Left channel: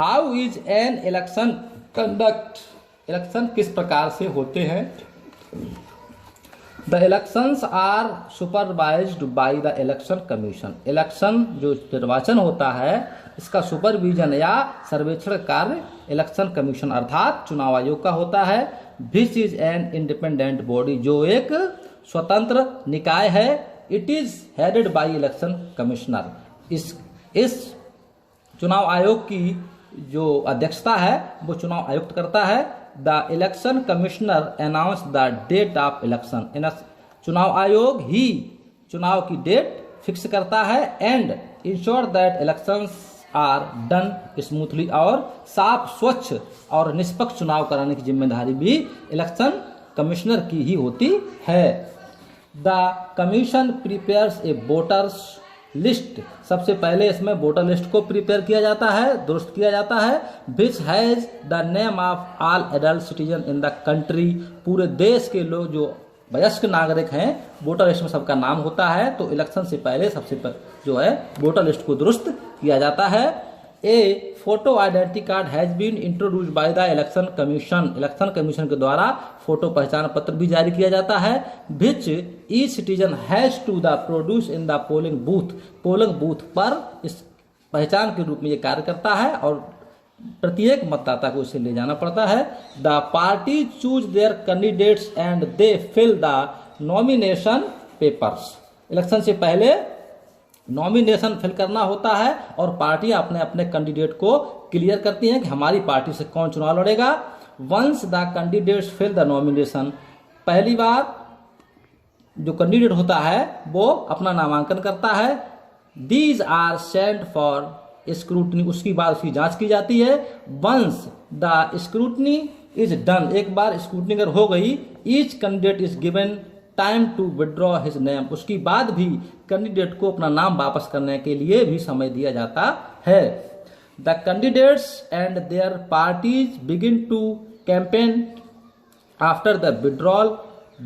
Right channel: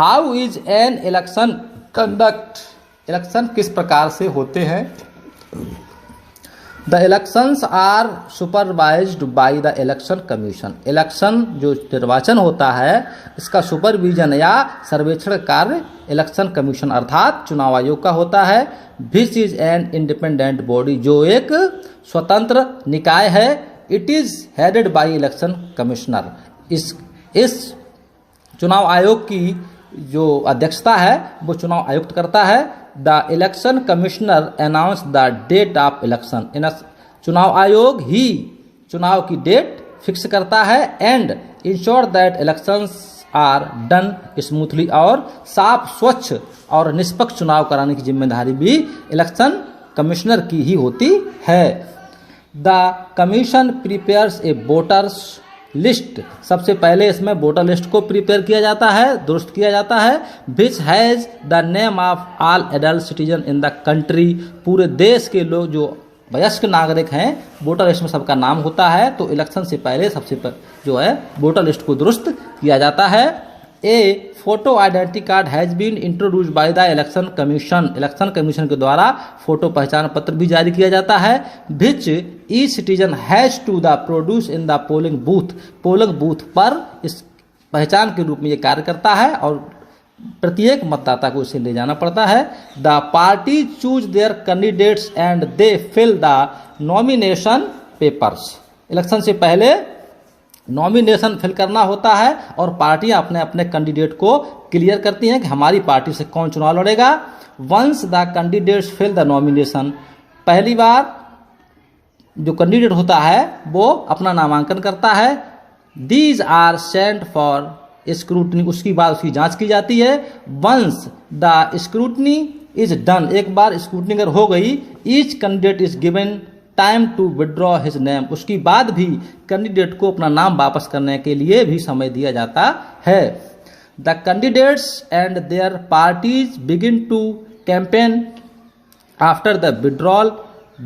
How is an election conduct, election किस प्रकार से होते हैं। The elections are supervised by the election commission, election जो निर्वाचन होता है इसका सुपरविजन या सर्वेक्षण कार्य इलेक्शन कमीशन अर्थात चुनाव आयोग का होता है। Which is an independent body, जो एक स्वतंत्र निकाय है। It is headed by election commissioner, इस चुनाव आयोग की जो अध्यक्षता है वो चुनाव आयुक्त करता है। The election commissioner announce the date of election, चुनाव आयोग ही चुनाव की डेट फिक्स करता है। And ensure that elections are done smoothly, और साफ स्वच्छ और निष्पक्ष चुनाव कराने की जिम्मेदारी भी इलेक्शन कमिश्नर की ही होती है। The commission prepares A voters list, सबसे पहले इसमें वोटर लिस्ट को प्रिपेयर किया जाता है, दुरुस्त किया जाता है। Which has the name of all adult citizen in the country, पूरे देश के लोग जो वयस्क नागरिक हैं वोटर लिस्ट में सबका नाम होता है। तो इलेक्शन से पहले जो है वोटर लिस्ट को दुरुस्त किया जाता है। A photo identity card has been introduced by the election commission, election commission के द्वारा फोटो पहचान पत्र भी जारी किया जाता है। Which each citizen has to the produce in the polling booth पर इस पहचान के रूप में ये कार्य करता है और प्रत्येक मतदाता को इसे ले जाना पड़ता है। The party choose their candidates and they fill the nomination papers, election से पहले नॉमिनेशन फिल करना होता है और पार्टियां अपने अपने कैंडिडेट को क्लियर करती हैं कि हमारी पार्टी से कौन चुनाव लड़ेगा। Once the candidates fill the nomination, पहली बार जो कैंडिडेट होता है वो अपना नामांकन करता है। These are sent for scrutiny, उसकी बाद उसकी जांच की जाती है। Once the scrutiny is done, एक बार स्क्रूटनी अगर हो गई, each candidate is given time to withdraw his name, उसकी बाद भी कैंडिडेट को अपना नाम वापस करने के लिए भी समय दिया जाता है। The candidates and their parties begin to campaign after the withdrawal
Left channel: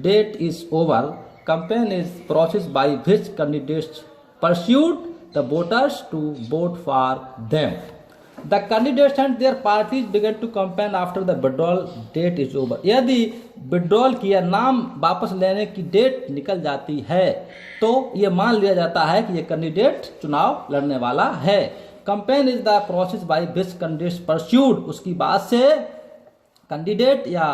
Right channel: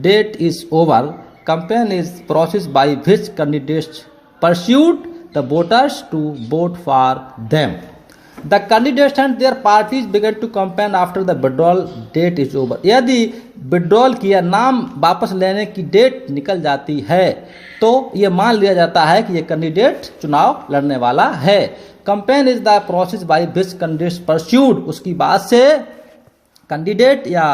date is over. Campaign is process by which candidates persuade the voters to vote for them. The candidates and their parties began to campaign after the withdrawal date is over, यदि withdrawal किया नाम वापस लेने की date निकल जाती है तो ये मान लिया जाता है कि ये कैंडिडेट चुनाव लड़ने वाला है। Campaign is the process by which candidates persuade, उसकी बाद से कैंडिडेट या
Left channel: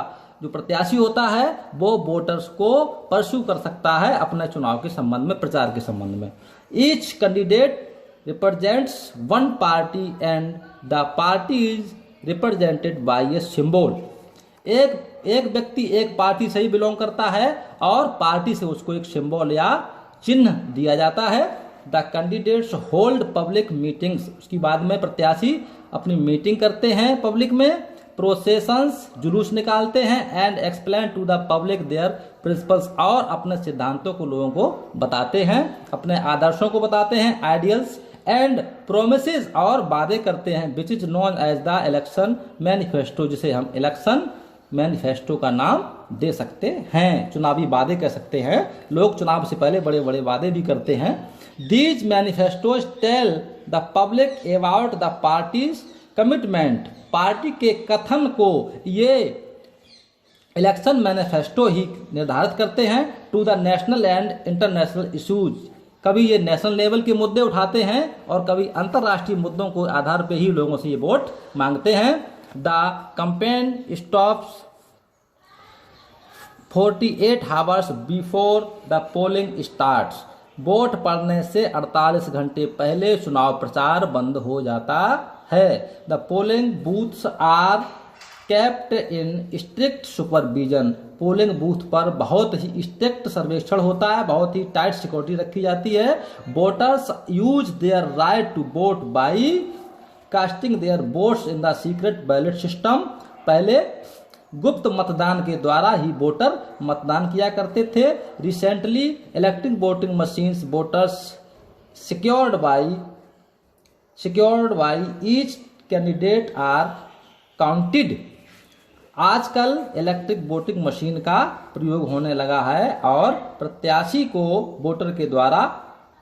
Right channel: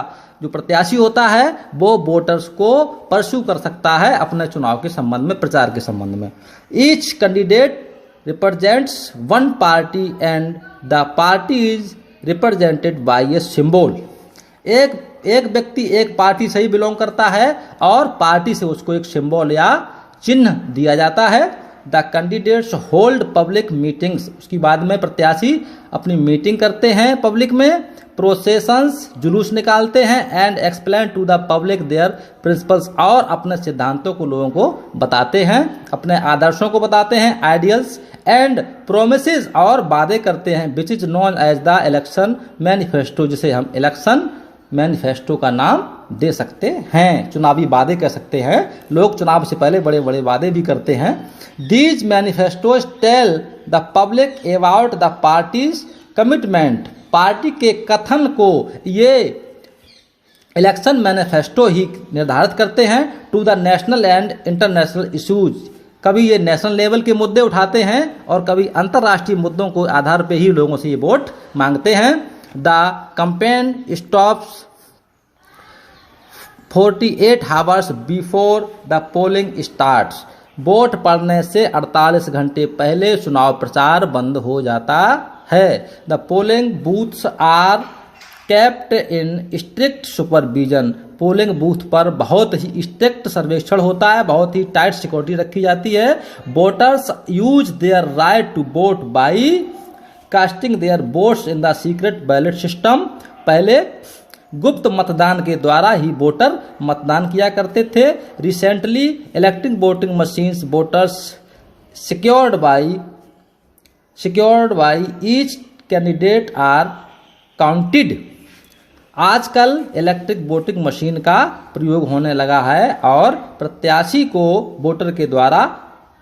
जो प्रत्याशी होता है वो वोटर्स को परस्यू कर सकता है अपने चुनाव के संबंध में, प्रचार के संबंध में। Each candidate represents one party and the party is represented by a symbol, एक व्यक्ति एक पार्टी से ही बिलोंग करता है और पार्टी से उसको एक सिंबल या चिन्ह दिया जाता है। The candidates hold public meetings, उसके बाद में प्रत्याशी अपनी मीटिंग करते हैं पब्लिक में। प्रोसेशंस, जुलूस निकालते हैं। And explain to the public their principles, और अपने सिद्धांतों को लोगों को बताते हैं, अपने आदर्शों को बताते हैं। आइडियल्स एंड प्रोमिसेस, और वादे करते हैं। Which is known as the election manifesto, जिसे हम इलेक्शन मैनिफेस्टो का नाम दे सकते हैं, चुनावी वादे कह सकते हैं। लोग चुनाव से पहले बड़े बड़े वादे भी करते हैं। These manifestos tell the public about the parties commitment, party के कथन को ये इलेक्शन मैनिफेस्टो ही निर्धारित करते हैं। To the national and international issues, कभी ये नेशनल लेवल के मुद्दे उठाते हैं और कभी अंतर्राष्ट्रीय मुद्दों को आधार पे ही लोगों से ये वोट मांगते हैं। The campaign stops 48 hours before the polling starts, vote पड़ने से 48 घंटे पहले चुनाव प्रचार बंद हो जाता है। The polling booths are kept in strict supervision, polling booth पर बहुत ही स्ट्रिक्ट सर्वेक्षण होता है, बहुत ही टाइट सिक्योरिटी रखी जाती है। Voters use their right to vote by casting their votes in the secret ballot system, पहले गुप्त मतदान के द्वारा ही वोटर मतदान किया करते थे। Recently electing voting machines voters secured by each candidate are counted, आजकल इलेक्ट्रिक वोटिंग मशीन का प्रयोग होने लगा है और प्रत्याशी को वोटर के द्वारा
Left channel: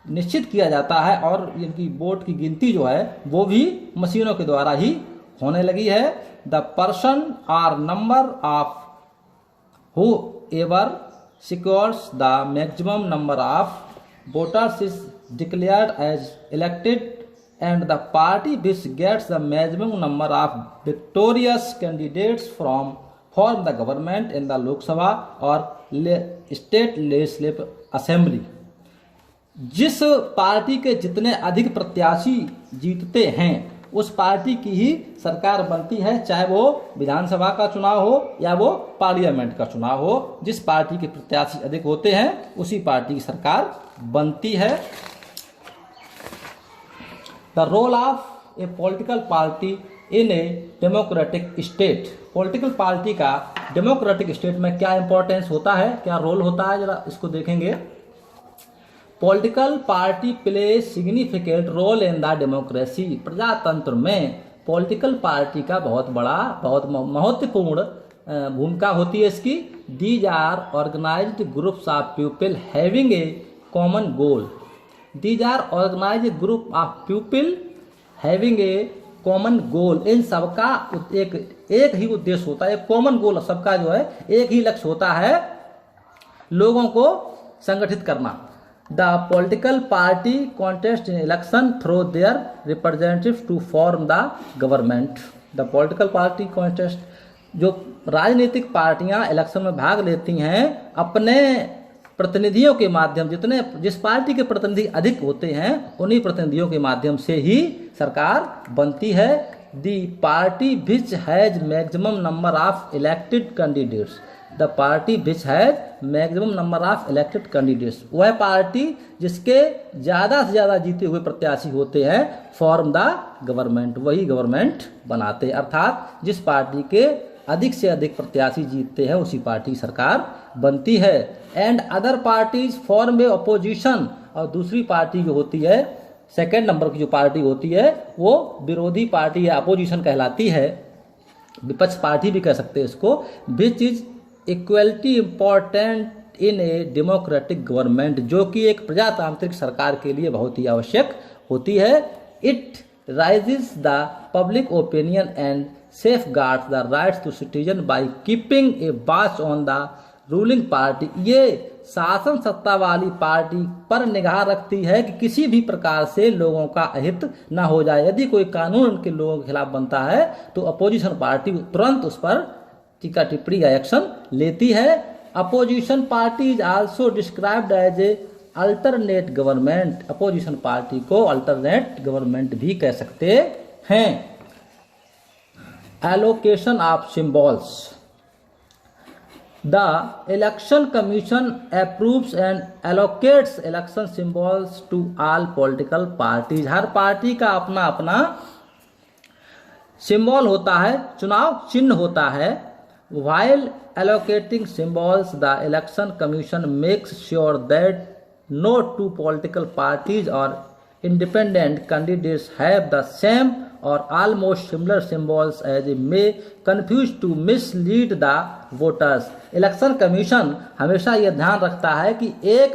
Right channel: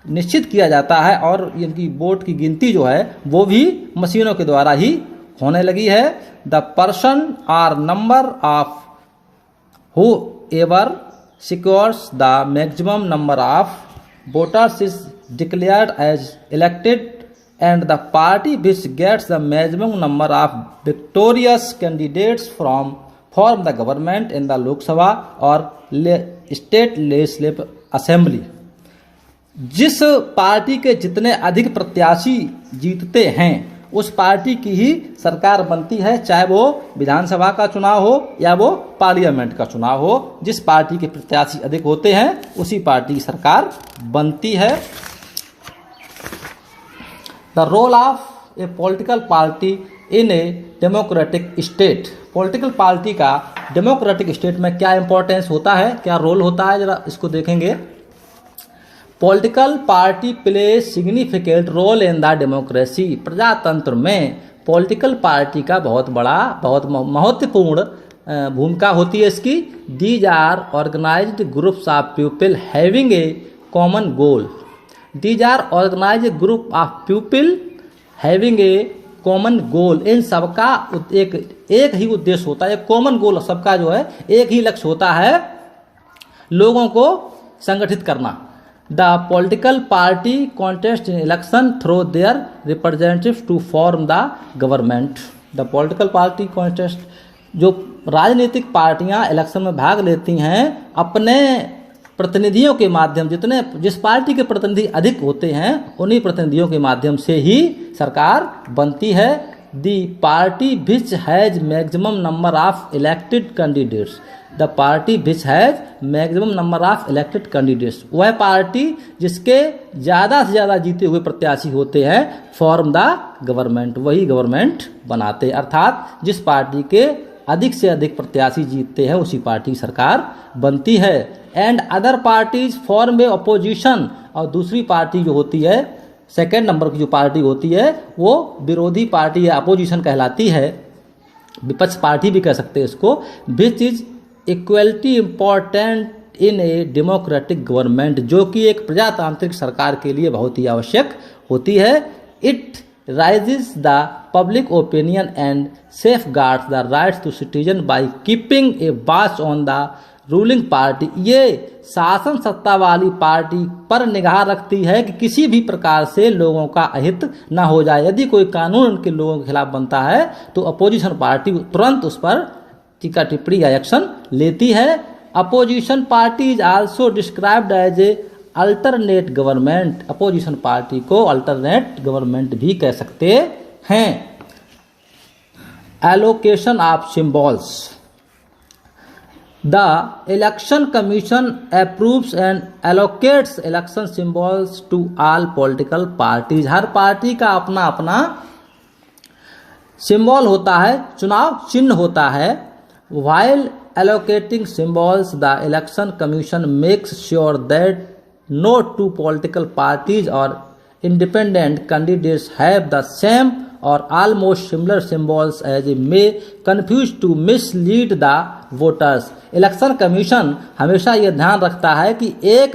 निश्चित किया जाता है और इनकी वोट की गिनती जो है वो भी मशीनों के द्वारा ही होने लगी है। The person or number of whoever secures the maximum number of voters is declared as elected and the party which gets the maximum number of victorious candidates form the government in the Lok Sabha or state legislative assembly। जिस party के जितने अधिक प्रत्याशी जीतते हैं उस party की ही सरकार बनती है, चाहे वो विधानसभा का चुनाव हो या वो पार्लियामेंट का चुनाव हो। जिस पार्टी के प्रत्याशी अधिक होते हैं उसी पार्टी की सरकार बनती है। The role of a political party in a democratic state। Political party का डेमोक्रेटिक स्टेट में क्या इंपॉर्टेंस होता है, क्या रोल होता है, जरा इसको देखेंगे। Political party play significant role in the democracy. प्रजातंत्र में पॉलिटिकल पार्टी का बहुत महत्वपूर्ण भूमिका होती है इसकी। These are organised groups of people having a common goal. These are organized group of people having a common goal। इन सबका एक ही उद्देश्य होता है, एक कॉमन गोल, सबका जो है एक ही लक्ष्य होता है, लोगों को संगठित करना। The political party contest in election through their representatives to form the government. The political party contest, जो राजनीतिक पार्टियां इलेक्शन में भाग लेती हैं अपने प्रतिनिधियों के माध्यम, जिस पार्टी के प्रतिनिधि अधिक होते हैं उन्हीं प्रतिनिधियों के माध्यम से ही सरकार बनती है। The party which has maximum number of elected candidates. The party which has maximum number of elected candidates, वह पार्टी जिसके ज़्यादा से ज़्यादा जीते हुए प्रत्याशी होते हैं, फॉर्म द गवर्नमेंट, वही गवर्नमेंट बनाते हैं। अर्थात जिस पार्टी के अधिक से अधिक प्रत्याशी जीतते हैं उसी पार्टी की सरकार बनती है। And other parties form a opposition, और दूसरी पार्टी जो होती है, सेकेंड नंबर की जो पार्टी होती है वो विरोधी पार्टी या अपोजिशन कहलाती है, विपक्ष पार्टी भी कह सकते हैं इसको। Which is equality important in a democratic government, जो कि एक प्रजातांत्रिक सरकार के लिए बहुत ही आवश्यक होती है। It rises the public opinion and safeguards the rights to citizen by keeping a watch on the ruling party. ये शासन सत्ता वाली पार्टी पर निगाह रखती है कि किसी भी प्रकार से लोगों का अहित ना हो जाए। यदि कोई कानून उनके लोगों के खिलाफ बनता है तो अपोजिशन पार्टी तुरंत उस पर टीका टिप्पणी या एक्शन लेती है। Opposition party is also described as a alternate government. Opposition party को अल्टरनेट गवर्नमेंट भी कह सकते हैं। Allocation of symbols. The Election Commission approves and allocates election symbols to all political parties। Her party का अपना अपना सिंबल होता है, चुनाव चिन्ह होता है। While allocating symbols, the Election Commission makes sure that no two political parties or independent candidates have the same or almost similar symbols as may confuse to mislead the voters। Election commission हमेशा यह ध्यान रखता है कि एक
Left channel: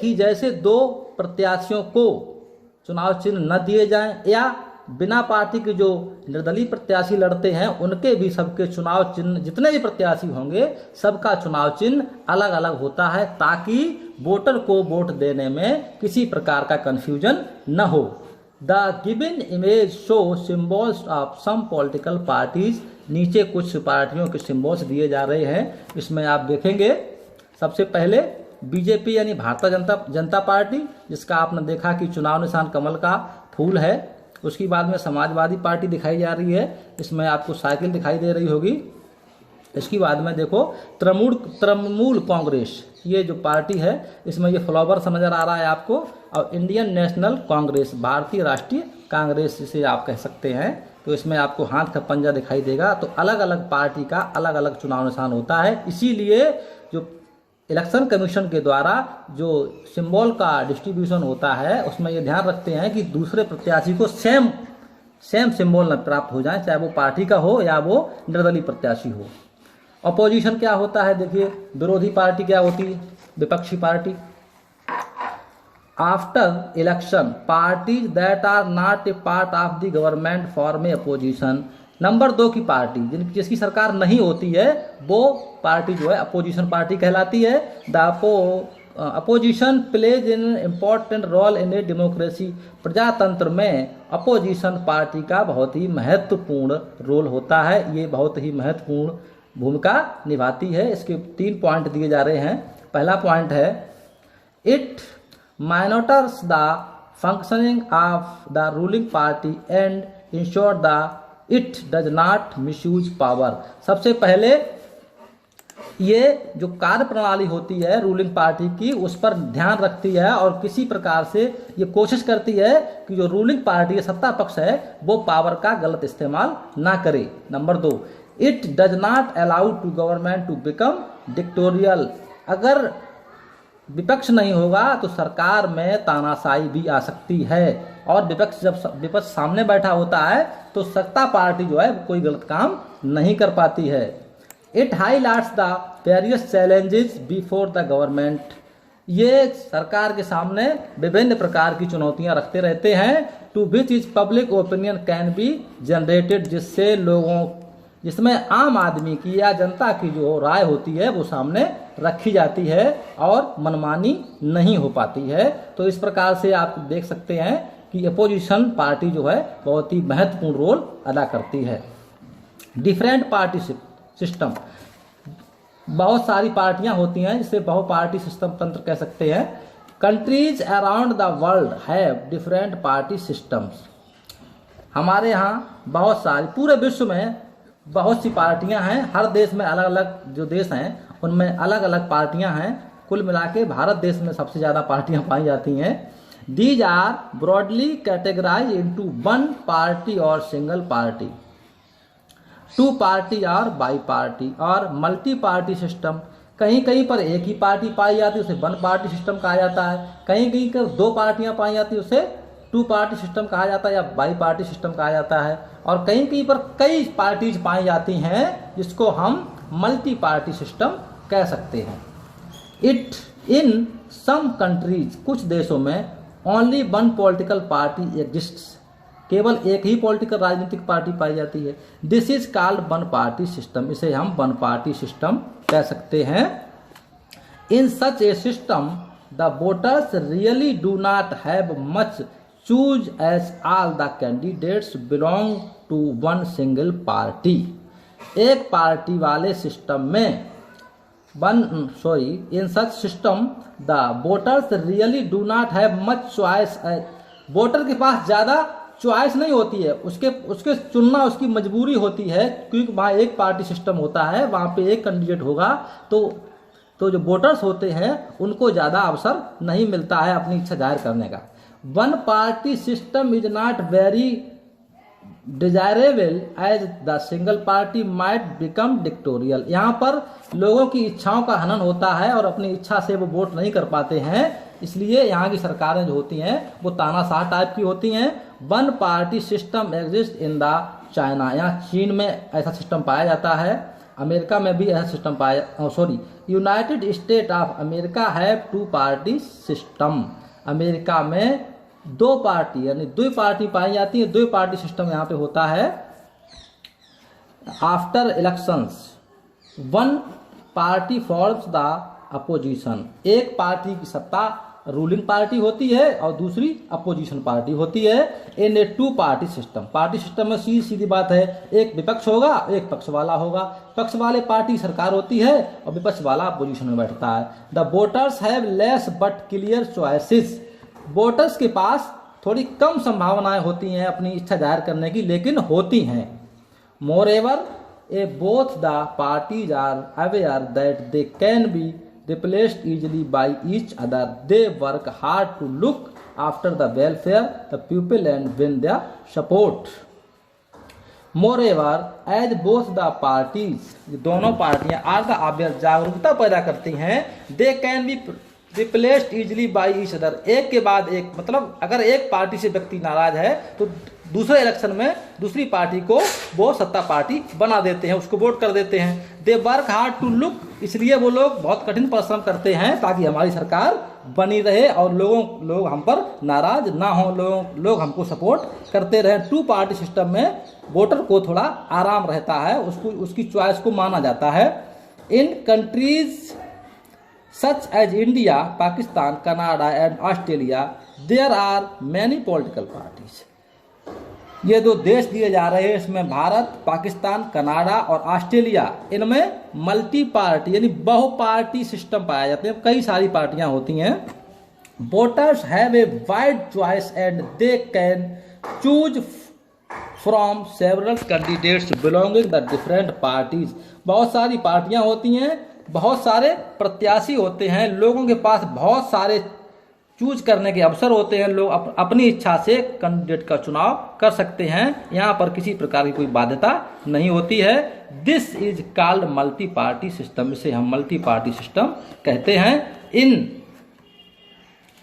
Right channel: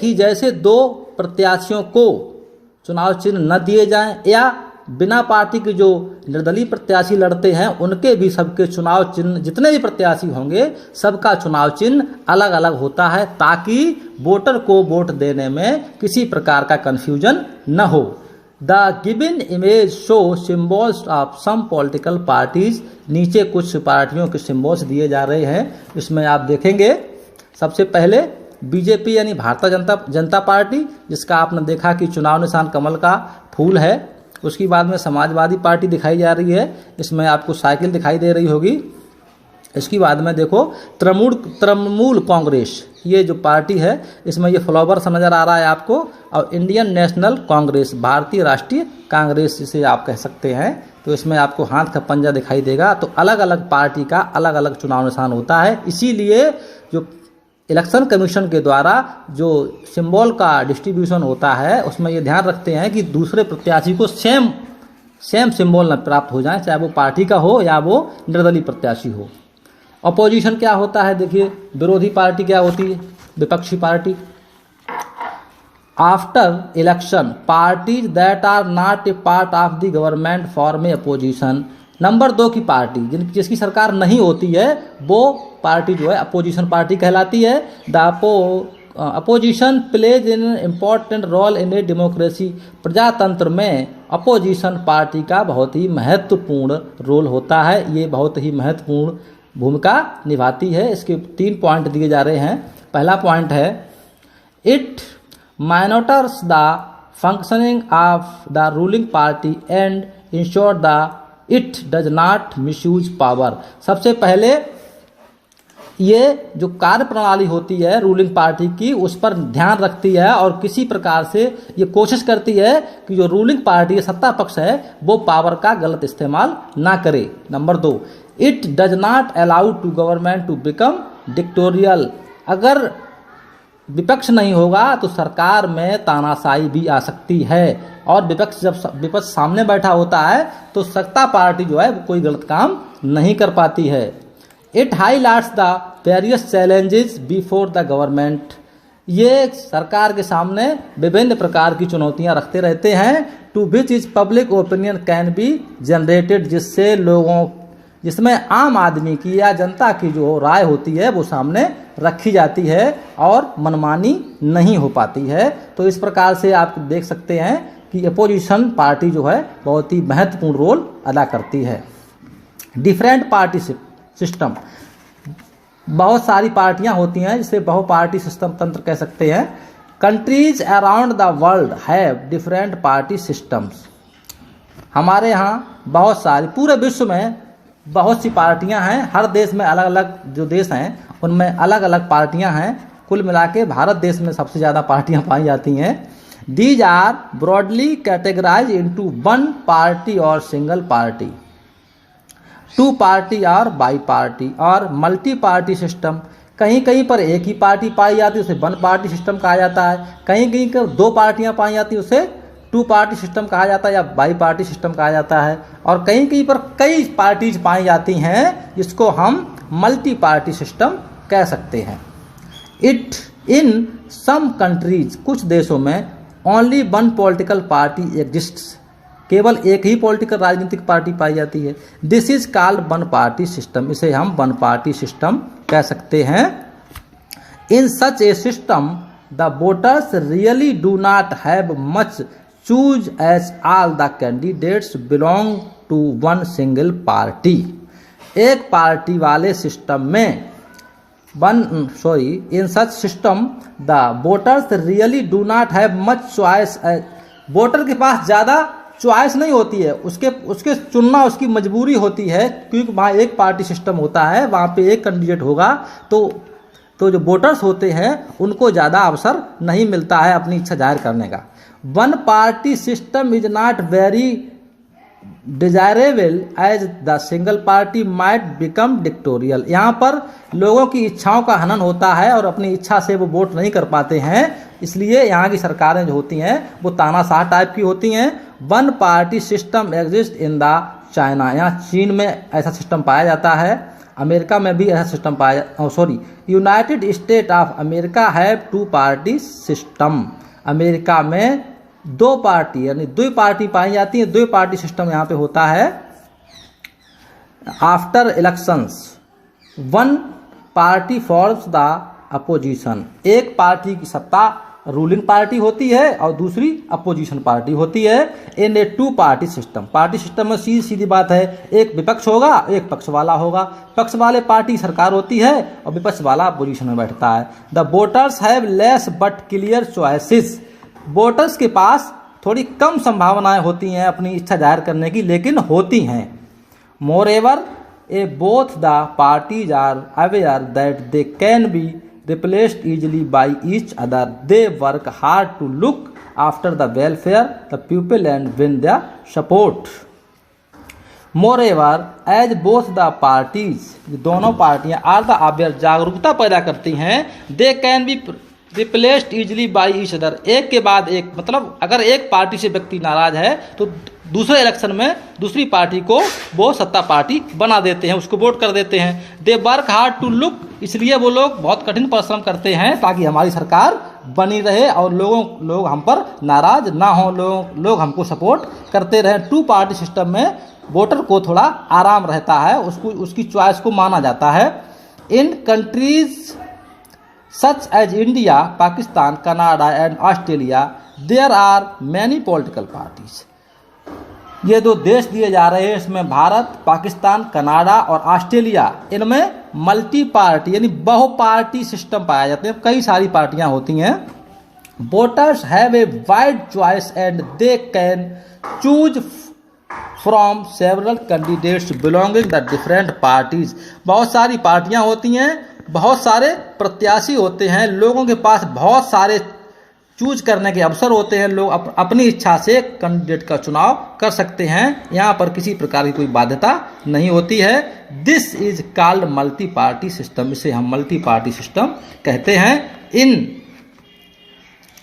ही जैसे दो प्रत्याशियों को चुनाव चिन्ह न दिए जाएं, या बिना पार्टी के जो निर्दलीय प्रत्याशी लड़ते हैं उनके भी सबके चुनाव चिन्ह, जितने भी प्रत्याशी होंगे सबका चुनाव चिन्ह अलग अलग होता है, ताकि वोटर को वोट देने में किसी प्रकार का कंफ्यूजन न हो। The given image show symbols of some political parties. नीचे कुछ पार्टियों के सिम्बॉल्स दिए जा रहे हैं, इसमें आप देखेंगे सबसे पहले बीजेपी यानी भारतीय जनता पार्टी, जिसका आपने देखा कि चुनाव निशान कमल का फूल है। उसके बाद में समाजवादी पार्टी दिखाई जा रही है, इसमें आपको साइकिल दिखाई दे रही होगी। इसके बाद में देखो तृणमूल कांग्रेस, ये जो पार्टी है इसमें ये फ्लावर सा नज़र आ रहा है आपको। और इंडियन नेशनल कांग्रेस, भारतीय राष्ट्रीय कांग्रेस जिसे आप कह सकते हैं, तो इसमें आपको हाथ का पंजा दिखाई देगा। तो अलग अलग पार्टी का अलग अलग चुनाव निशान होता है। इसीलिए जो इलेक्शन कमीशन के द्वारा जो सिंबल का डिस्ट्रीब्यूशन होता है उसमें ये ध्यान रखते हैं कि दूसरे प्रत्याशी को सेम सिंबल न प्राप्त हो जाए, चाहे वो पार्टी का हो या वो निर्दलीय प्रत्याशी हो। अपोजिशन क्या होता है, देखिए विरोधी पार्टी क्या होती है, विपक्षी party. After election parties that are not a part of the government form a opposition. Number 2 की पार्टी जिसकी सरकार नहीं होती है वो पार्टी जो है अपोजिशन पार्टी कहलाती है। The opposition plays in important role in a democracy. प्रजातंत्र में अपोजिशन पार्टी का बहुत ही महत्वपूर्ण रोल होता है, ये बहुत ही महत्वपूर्ण भूमिका निभाती है। इसके 3 पॉइंट दिए जा रहे हैं। पहला पॉइंट है it monitors the functioning of the ruling party and ensure the it does not misuse power. सबसे पहले ये जो कार्य प्रणाली होती है रूलिंग पार्टी की उस पर ध्यान रखती है और किसी प्रकार से ये कोशिश करती है कि जो रूलिंग पार्टी सत्ता पक्ष है वो पावर का गलत इस्तेमाल ना करे। Number 2 it does not allow to government to become dictatorial. अगर विपक्ष नहीं होगा तो सरकार में तानाशाही भी आ सकती है और जब विपक्ष सामने बैठा होता है तो सत्ता पार्टी जो है वो कोई गलत काम नहीं कर पाती है। It highlights the various challenges before the government. ये सरकार के सामने विभिन्न प्रकार की चुनौतियां रखते रहते हैं। Two which is public opinion can be generated, जिसमें आम आदमी की या जनता की जो राय होती है वो सामने रखी जाती है और मनमानी नहीं हो पाती है। तो इस प्रकार से आप देख सकते हैं कि अपोजिशन पार्टी जो है बहुत ही महत्वपूर्ण रोल अदा करती है। डिफरेंट पार्टी सिस्टम, बहुत सारी पार्टियां होती हैं जिसे बहुपार्टी सिस्टम तंत्र कह सकते हैं। Countries around the world have different party systems. हमारे यहाँ बहुत सारी, पूरे विश्व में बहुत सी पार्टियां हैं। हर देश में अलग अलग जो देश हैं उनमें अलग अलग पार्टियां हैं। कुल मिला के भारत देश में सबसे ज़्यादा पार्टियां पाई जाती हैं। These are broadly categorise into one party और सिंगल पार्टी, टू पार्टी और बाई पार्टी और मल्टी पार्टी सिस्टम। कहीं कहीं पर एक ही पार्टी पाई जाती है उसे वन पार्टी सिस्टम कहा जाता है। कहीं कहीं पर 2 पार्टियां पाई जाती है उसे 2 पार्टी सिस्टम कहा जाता है या बाई पार्टी सिस्टम कहा जाता है। और कहीं कहीं पर कई पार्टीज पाई जाती हैं जिसको हम मल्टी पार्टी सिस्टम कह सकते हैं। इट इन सम कंट्रीज, कुछ देशों में only one political party exists, केवल एक ही पॉलिटिकल राजनीतिक पार्टी पाई जाती है। This is called one party system, इसे हम वन पार्टी सिस्टम कह सकते हैं। In such a system the voters really do not have much choose as all the candidates belong to one single party. एक party वाले system में in such system the voters really do not have much choice. Voter के पास ज़्यादा choice नहीं होती है, उसके चुनना उसकी मजबूरी होती है, क्योंकि वहाँ एक पार्टी सिस्टम होता है, वहाँ पे एक कैंडिडेट होगा तो जो वोटर्स होते हैं उनको ज़्यादा अवसर नहीं मिलता है अपनी इच्छा जाहिर करने का। One party system is not very desirable as the single party might become dictatorial. यहाँ पर लोगों की इच्छाओं का हनन होता है और अपनी इच्छा से वो वोट नहीं कर पाते हैं, इसलिए यहाँ की सरकारें जो होती हैं वो तानाशाह टाइप की होती हैं। One party system exist in the China, यहाँ चीन में ऐसा सिस्टम पाया जाता है, अमेरिका में भी ऐसा system United state of America have 2 party system. America में 2 पार्टी यानी 2 पार्टी पाई जाती है, 2 पार्टी सिस्टम यहाँ पे होता है। After elections one party forms the opposition, एक पार्टी की सत्ता रूलिंग पार्टी होती है और दूसरी अपोजिशन पार्टी होती है। इन ए 2 पार्टी सिस्टम, पार्टी सिस्टम में सीधी बात है, एक विपक्ष होगा एक पक्ष वाला होगा। पक्ष वाले पार्टी सरकार होती है और विपक्ष वाला अपोजिशन में बैठता है। The voters have less but clear choices, voters के पास थोड़ी कम संभावनाएं होती हैं अपनी इच्छा जाहिर करने की, लेकिन होती हैं। More ever a both the parties are aware that they can be replaced easily by each other. They work hard to look after the welfare the people and win their support. Moreover, as both the parties, दोनों पार्टियां are the aware, जागरूकता पैदा करती हैं, they can be replaced easily by each other, एक के बाद एक, मतलब अगर एक पार्टी से व्यक्ति नाराज है तो दूसरे इलेक्शन में दूसरी पार्टी को वो सत्ता पार्टी बना देते हैं, उसको वोट कर देते हैं। They work hard to look, इसलिए वो लोग बहुत कठिन परिश्रम करते हैं ताकि हमारी सरकार बनी रहे और लोग हम पर नाराज ना हो, लोग हमको सपोर्ट करते रहे। टू पार्टी सिस्टम में वोटर को थोड़ा आराम रहता है, उसकी चॉइस को माना जाता है। In countries such as India, Pakistan, Canada and Australia there are many political parties. ये दो देश दिए जा रहे हैं, इसमें भारत, पाकिस्तान, कनाडा और ऑस्ट्रेलिया, इनमें मल्टी पार्टी यानी बहुपार्टी सिस्टम पाया जाते हैं, कई सारी पार्टियां होती हैं। Voters have a wide choice and they can choose from several candidates belonging the different parties. बहुत सारी पार्टियां होती हैं, बहुत सारे प्रत्याशी होते हैं, लोगों के पास बहुत सारे चूज करने के अवसर होते हैं, लोग अपनी इच्छा से कैंडिडेट का चुनाव कर सकते हैं, यहाँ पर किसी प्रकार की कोई बाध्यता नहीं होती है। This is called multi party system, इसे हम मल्टी पार्टी सिस्टम कहते हैं। In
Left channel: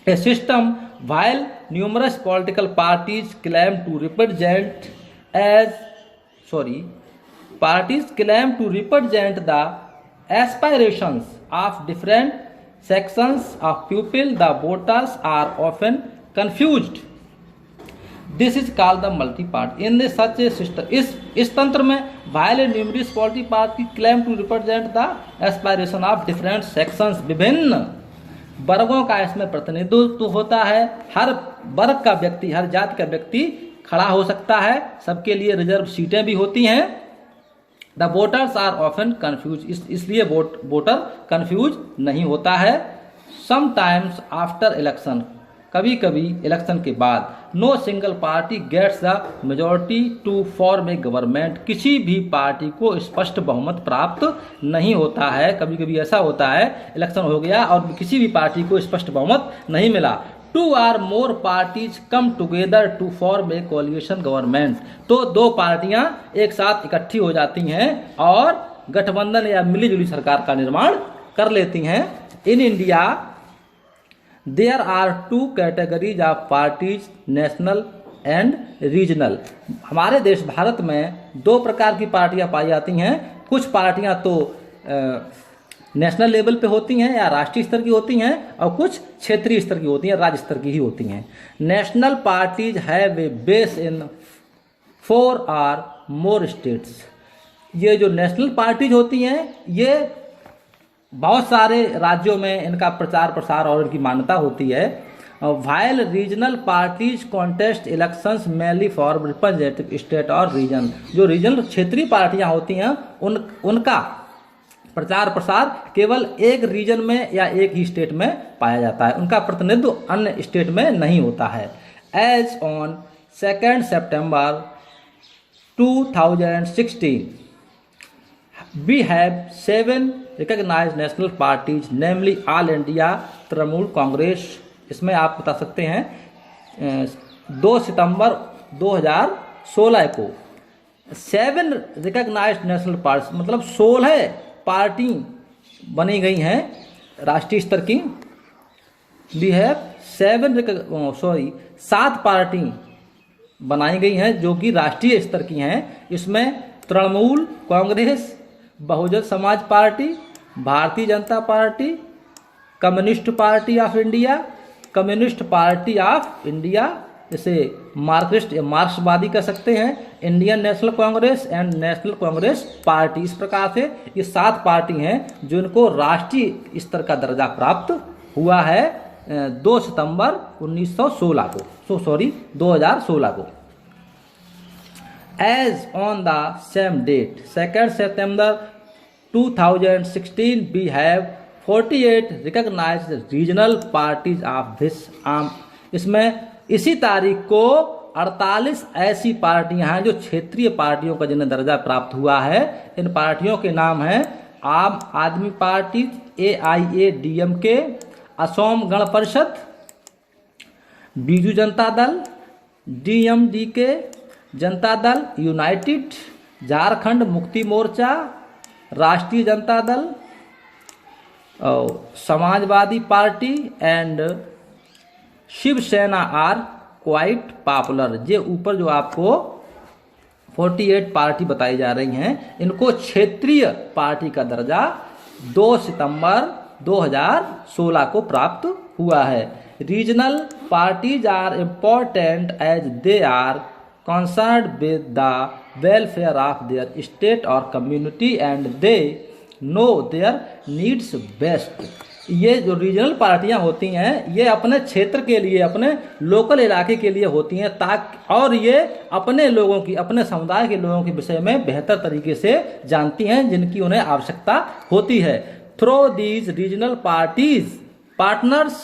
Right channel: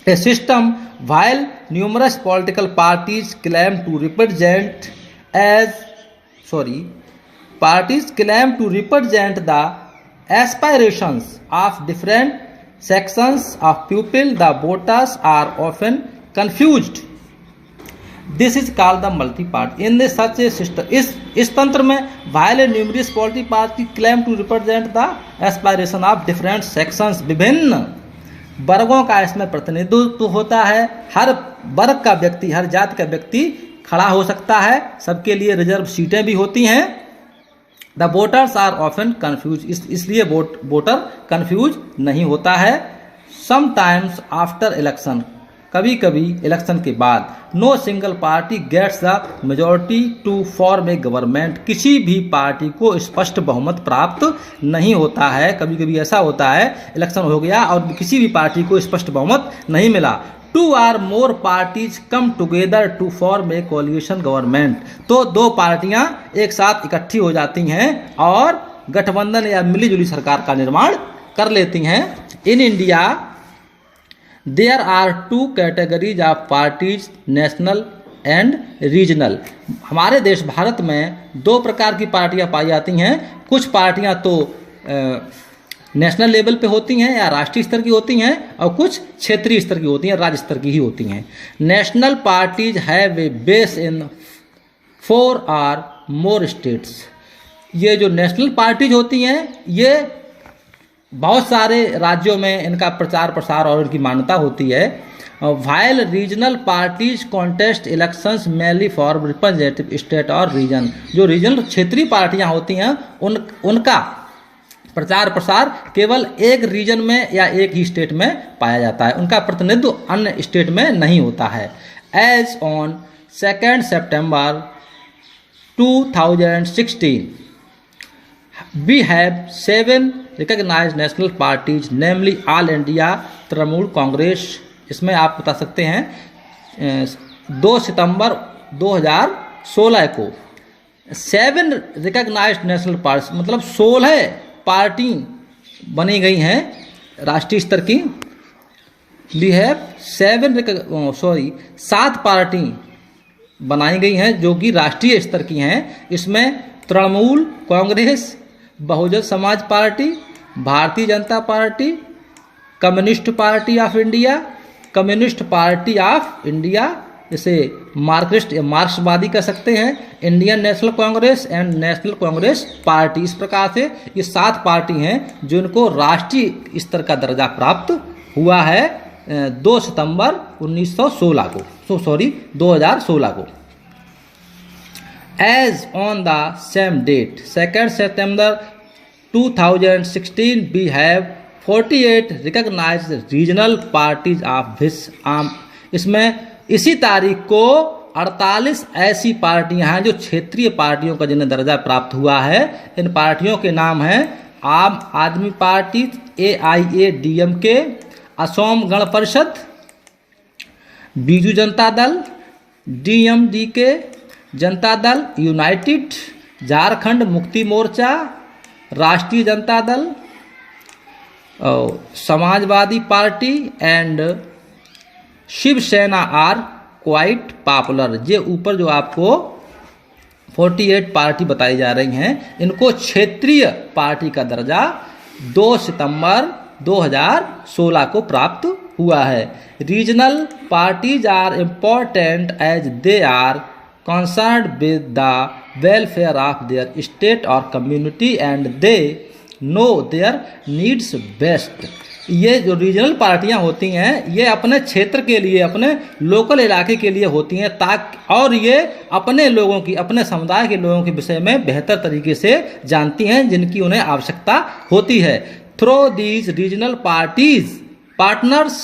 A system while numerous political parties claim to represent the aspirations of different sections of people, the voters are often confused. This is called the multi-party. In this such a system, इस तंत्र में while numerous political parties claim to represent the aspiration of different sections, विभिन्न वर्गों का इसमें प्रतिनिधित्व होता है। हर वर्ग का व्यक्ति, हर जाति का व्यक्ति खड़ा हो सकता है, सबके लिए रिजर्व सीटें भी होती हैं। The voters are often confuse, इसलिए वोटर कन्फ्यूज नहीं होता है। समटाइम्स आफ्टर इलेक्शन, कभी कभी इलेक्शन के बाद, no single party gets the majority to form a government, किसी भी पार्टी को स्पष्ट बहुमत प्राप्त नहीं होता है। कभी कभी ऐसा होता है इलेक्शन हो गया और किसी भी पार्टी को स्पष्ट बहुमत नहीं मिला। Two or more parties come together to form a coalition government, तो दो पार्टियां एक साथ इकट्ठी हो जाती हैं और गठबंधन या मिलीजुली सरकार का निर्माण कर लेती हैं। In India there are two categories of parties, national and regional. हमारे देश भारत में दो प्रकार की पार्टियां पाई जाती हैं। कुछ पार्टियां तो नेशनल लेवल पे होती हैं या राष्ट्रीय स्तर की होती हैं, और कुछ क्षेत्रीय स्तर की होती हैं, राज्य स्तर की ही होती हैं। National parties have a base in 4 और मोर स्टेट्स। ये जो नेशनल पार्टीज होती हैं, ये बहुत सारे राज्यों में इनका प्रचार प्रसार और इनकी मान्यता होती है। While regional parties contest elections mainly for representative state और रीजन, जो रीजनल क्षेत्रीय पार्टियां होती हैं उनका प्रचार प्रसार केवल एक रीजन में या एक ही स्टेट में पाया जाता है, उनका प्रतिनिधित्व अन्य स्टेट में नहीं होता है। As on 2 September 2016 we have 7 recognized national parties, namely All India Trinamool Congress. इसमें आप बता सकते हैं 2 सितंबर 2016 को 7 रिकॉग्नाइज्ड नेशनल पार्टी, मतलब 16 पार्टी बनी गई हैं राष्ट्रीय स्तर की। वी हैव 7 पार्टी बनाई गई हैं जो कि राष्ट्रीय स्तर की हैं। इसमें Trinamool Congress, Bahujan Samaj party, Bharatiya Janata party, communist party of India, communist party of India, जैसे मार्क्सिस्ट या मार्क्सवादी कह सकते हैं, Indian National Congress and national Congress party. इस प्रकार से ये 7 पार्टी हैं जिनको राष्ट्रीय स्तर का दर्जा प्राप्त हुआ है 2 सितंबर 2016 को। As on the same date, 2 September 2016, we have 48 recognized regional parties of this arm. इसमें इसी तारीख को 48 ऐसी पार्टियां हैं जो क्षेत्रीय पार्टियों का जिन्हें दर्जा प्राप्त हुआ है। इन पार्टियों के नाम हैं आम आदमी party, AIADMK, Assam Gana Parishad, Biju Janata Dal, DMDK, Janata Dal United, Jharkhand Mukti Morcha, Rashtriya Janata Dal, Samajwadi party and Shiv Sena are quite popular. ये ऊपर जो आपको 48 पार्टी बताई जा रही हैं, इनको क्षेत्रीय पार्टी का दर्जा 2 सितंबर 2016 को प्राप्त हुआ है। Regional parties are important as they are concerned with the welfare of their state और community and they know their needs best. ये जो रीजनल पार्टियां होती हैं ये अपने क्षेत्र के लिए, अपने लोकल इलाके के लिए होती हैं, ताकि और ये अपने लोगों की, अपने समुदाय के लोगों के विषय में बेहतर तरीके से जानती हैं जिनकी उन्हें आवश्यकता होती है। Through these regional partners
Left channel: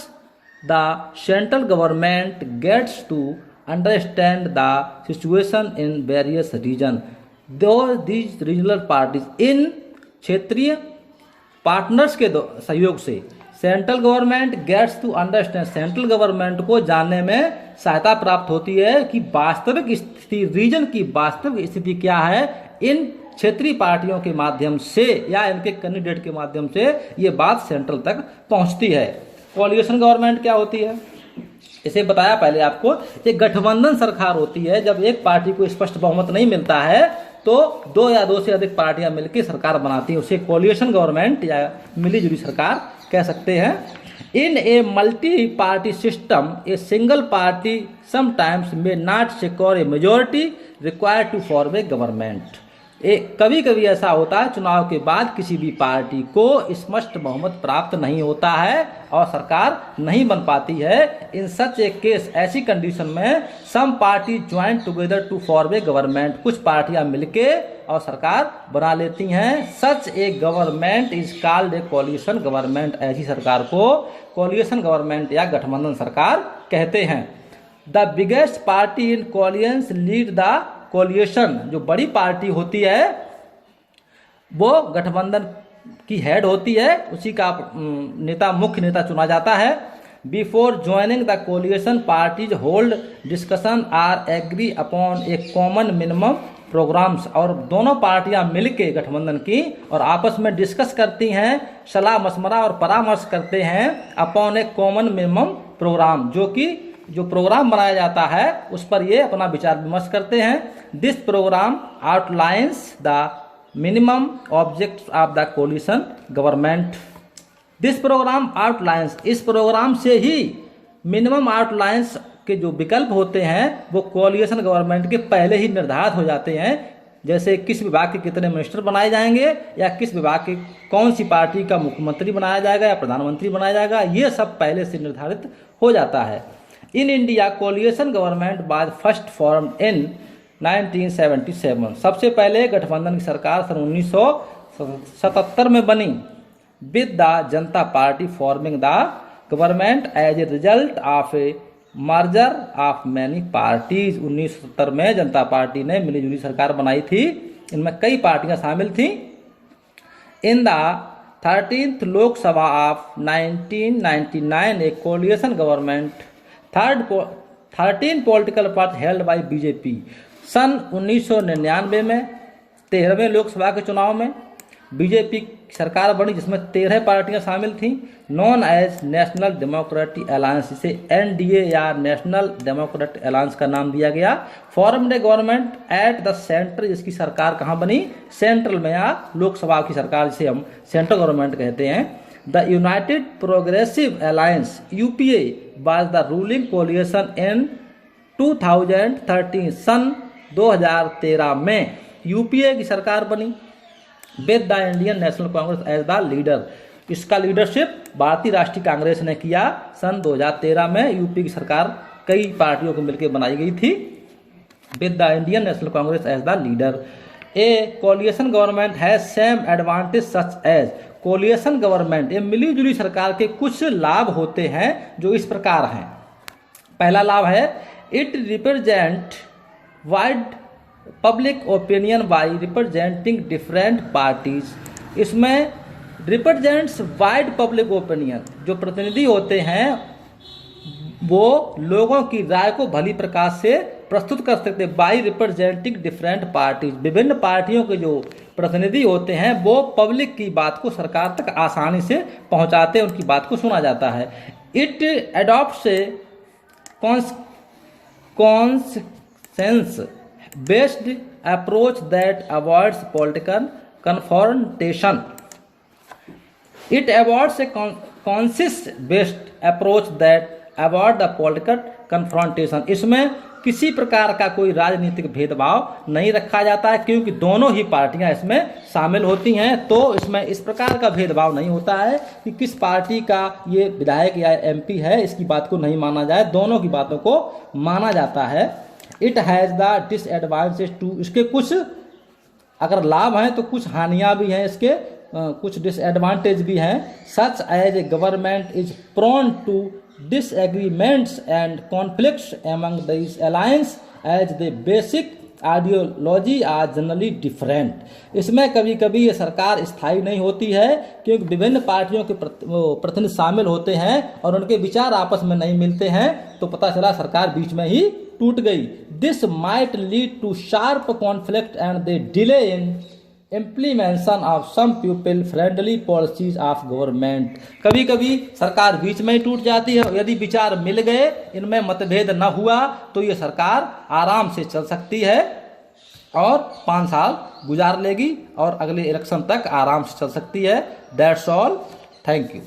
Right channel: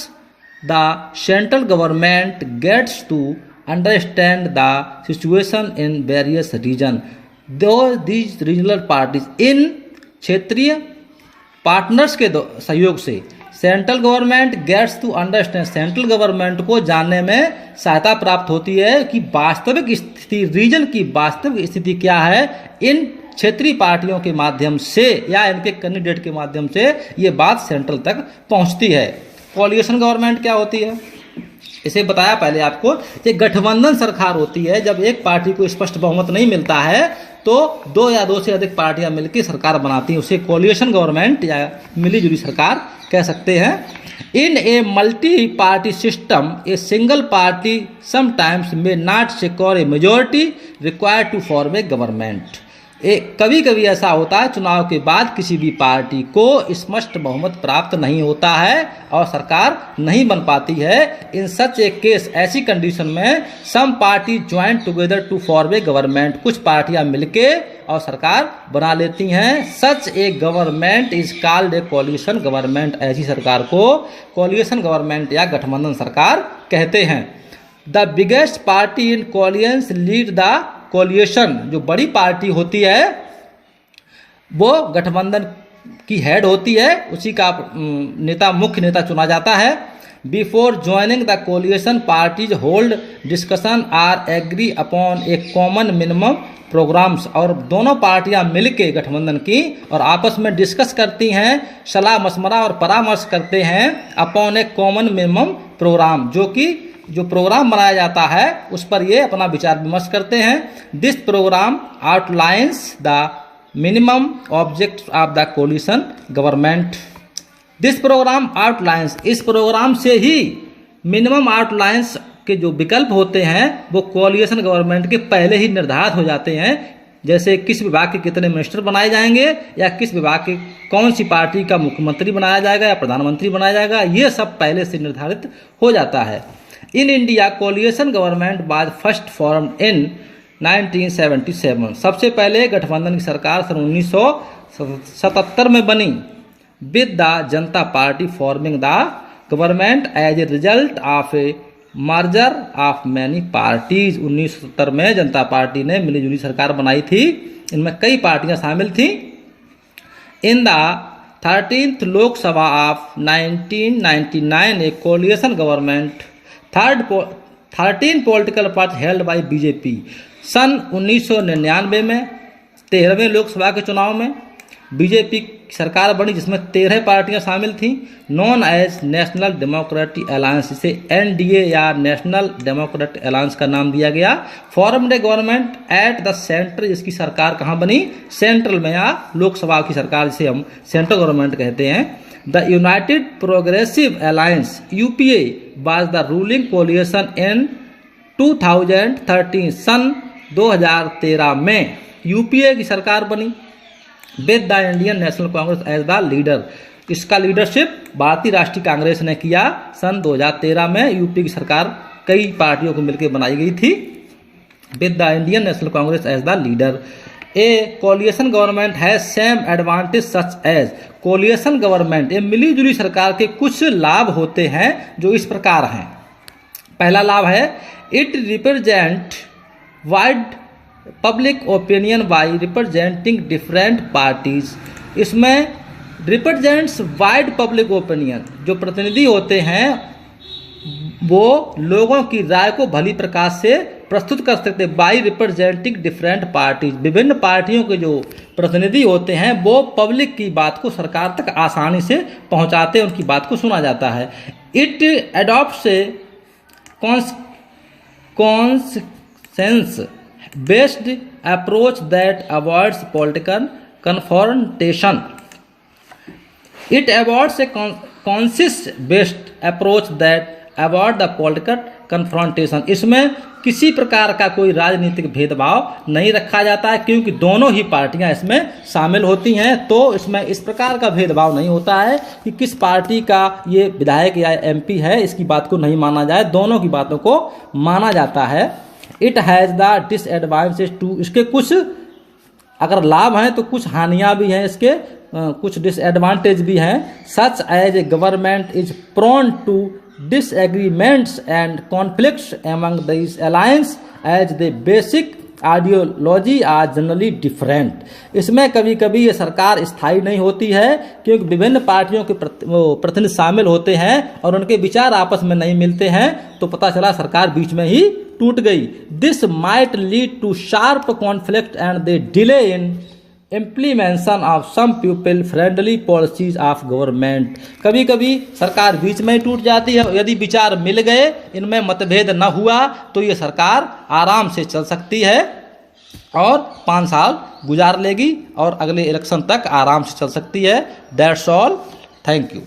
the central government gets to understand the situation in various region. Though these regional parties, इन क्षेत्रीय पार्टनर्स के सहयोग से central government gets to understand, central government को जानने में सहायता प्राप्त होती है कि वास्तविक स्थिति, रीजन की वास्तविक स्थिति क्या है। इन क्षेत्रीय पार्टियों के माध्यम से या इनके कैंडिडेट के माध्यम से ये बात सेंट्रल तक पहुंचती है। कोलिशन गवर्नमेंट क्या होती है, इसे बताया पहले आपको। ये गठबंधन सरकार होती है। जब एक पार्टी को स्पष्ट बहुमत नहीं मिलता है तो दो या दो से अधिक पार्टियां मिलकर सरकार बनाती हैं, उसे कोलिशन गवर्नमेंट या मिलीजुली सरकार कह सकते हैं। In a multi party system a single party sometimes may not secure a majority required to form a government. कभी कभी ऐसा होता है चुनाव के बाद किसी भी पार्टी को स्पष्ट बहुमत प्राप्त नहीं होता है और सरकार नहीं बन पाती है। इन सच ए केस, ऐसी कंडीशन में some party join together to form a government, कुछ पार्टियां मिलके और सरकार बना लेती हैं। Such a government is called a coalition government, ऐसी सरकार को कोलिशन गवर्नमेंट या गठबंधन सरकार कहते हैं। The biggest party in coalition lead the coalition, जो बड़ी पार्टी होती है वो गठबंधन की हेड होती है, उसी का नेता, मुख्य नेता चुना जाता है। Before joining the coalition parties hold discussion or agree upon a common minimum programs, और दोनों पार्टियां मिलके गठबंधन की और आपस में डिस्कस करती हैं, सलाह मशवरा और परामर्श करते हैं upon a common minimum programme, जो कि जो प्रोग्राम बनाया जाता है उस पर ये अपना विचार विमर्श करते हैं। This program outlines the minimum objects of the coalition government. This program outlines, इस प्रोग्राम से ही मिनिमम आउटलाइंस के जो विकल्प होते हैं वो कोलिशन गवर्नमेंट के पहले ही निर्धारित हो जाते हैं। जैसे किस विभाग के कितने मिनिस्टर बनाए जाएंगे या किस विभाग के कौन सी पार्टी का मुख्यमंत्री बनाया जाएगा या प्रधानमंत्री बनाया जाएगा, ये सब पहले से निर्धारित हो जाता है। In India coalition government was first formed in 1977, सबसे पहले गठबंधन की सरकार सन 1977 में बनी। With the Janata party forming the government as a result of a merger of many parties. 1970 में जनता पार्टी ने मिलीजुली सरकार बनाई थी, इनमें कई पार्टियां शामिल थी। In the 13th Lok Sabha of 1999 a coalition government 13 political party held by BJP. सन 1999 में 13वें लोकसभा के चुनाव में बीजेपी सरकार बनी जिसमें 13 पार्टियां शामिल थीं। Known as National Democratic Alliance, इसे एनडीए या नेशनल डेमोक्रेटिक अलायंस का नाम दिया गया। Formed a government at the centre, इसकी सरकार कहाँ बनी, सेंट्रल में, या लोकसभा की सरकार जिसे हम सेंट्रल गवर्नमेंट कहते हैं। The United Progressive Alliance UPA was the ruling coalition in 2013, सन 2013 में यूपीए की सरकार बनी। With the Indian National Congress as the leader, इसका लीडरशिप भारतीय राष्ट्रीय कांग्रेस ने किया। सन 2013 में यूपी की सरकार कई पार्टियों को मिलकर बनाई गई थी। With the Indian National Congress as the leader, a coalition government has same advantage such as, coalition government, ये मिलीजुली सरकार के कुछ लाभ होते हैं जो इस प्रकार हैं। पहला लाभ है it represent wide public opinion by representing different parties. इसमें रिप्रेजेंट्स वाइड पब्लिक ओपिनियन, जो प्रतिनिधि होते हैं वो लोगों की राय को भली प्रकार से प्रस्तुत कर सकते हैं। बाई रिप्रेजेंटिंग डिफरेंट पार्टीज, विभिन्न पार्टियों के जो प्रतिनिधि होते हैं वो पब्लिक की बात को सरकार तक आसानी से पहुंचाते हैं, उनकी बात को सुना जाता है। It adopts a consensus based approach that avoids political confrontation. It avoids a consensus based approach that avoid the political confrontation. इसमें किसी प्रकार का कोई राजनीतिक भेदभाव नहीं रखा जाता है, क्योंकि दोनों ही पार्टियां इसमें शामिल होती हैं। तो इसमें इस प्रकार का भेदभाव नहीं होता है कि किस पार्टी का ये विधायक या एमपी है, इसकी बात को नहीं माना जाए, दोनों की बातों को माना जाता है। It has the disadvantage too, इसके कुछ अगर लाभ हैं तो कुछ हानियां भी हैं, इसके कुछ डिसएडवांटेज भी हैं। Such as a government is prone to disagreements and conflicts among these alliance as the basic ideology are generally different। इसमें कभी कभी ये सरकार स्थायी नहीं होती है, क्योंकि विभिन्न पार्टियों के प्रतिनिधि शामिल होते हैं और उनके विचार आपस में नहीं मिलते हैं, तो पता चला सरकार बीच में ही टूट गई। This might lead to sharp conflict and the delay in implementation of some people friendly policies of government. कभी कभी सरकार बीच में टूट जाती है, यदि विचार मिल गए, इनमें मतभेद न हुआ, तो ये सरकार आराम से चल सकती है और 5 साल गुजार लेगी और अगले इलेक्शन तक आराम से चल सकती है। That's all, thank you.